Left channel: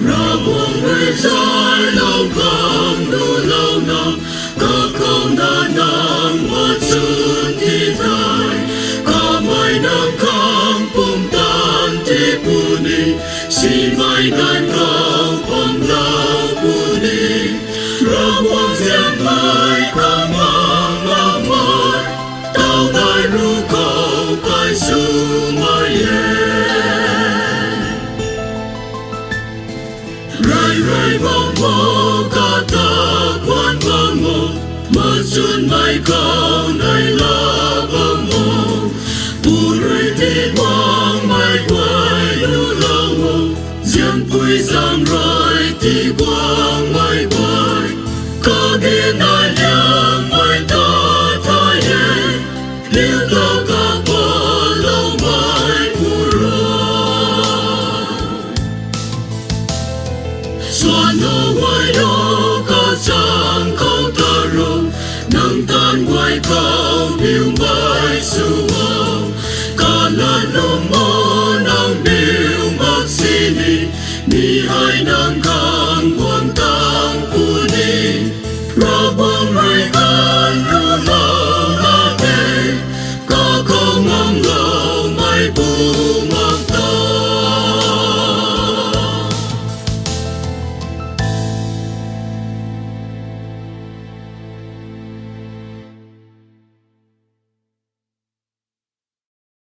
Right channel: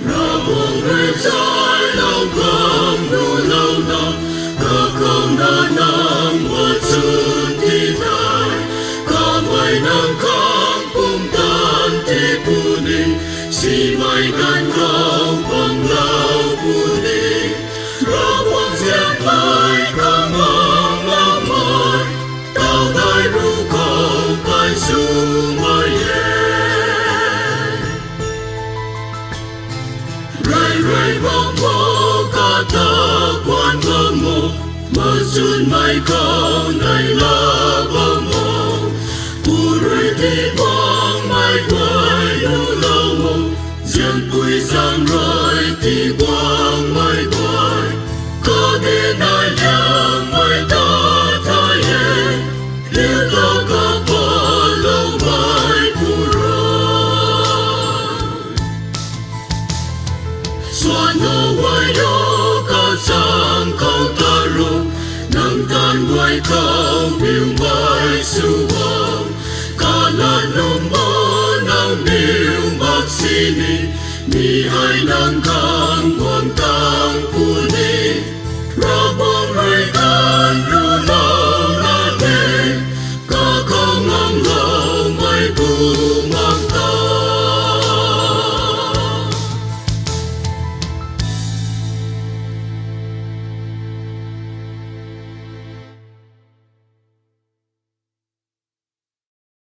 Ravguangc cả không đã nang một sự thi đại cả mai nang khang cùng tan thi puni si mai gan khang phong lao puni Ravguangc giang mai khang mang mang mai tao mai ru không kai su mai rai vang mô ca ta quan vang mô mà xuân mai khao này là vang mô bù rơi thì quang mai quay u lâu mô riêng vui giang rồi thì quang mai quay có đi nai nhang mai ta thay liêu ta ca qua lâu mai phù rồi xuân đâu quay đó ca sang câu ta rồi nang tan quay khao biêu mai su vong cả là lom mơ nang biêu bác sĩ ni hai nang khang quang tang puni ra bông hai gan ru lao la te cả không ngang lâu mai bu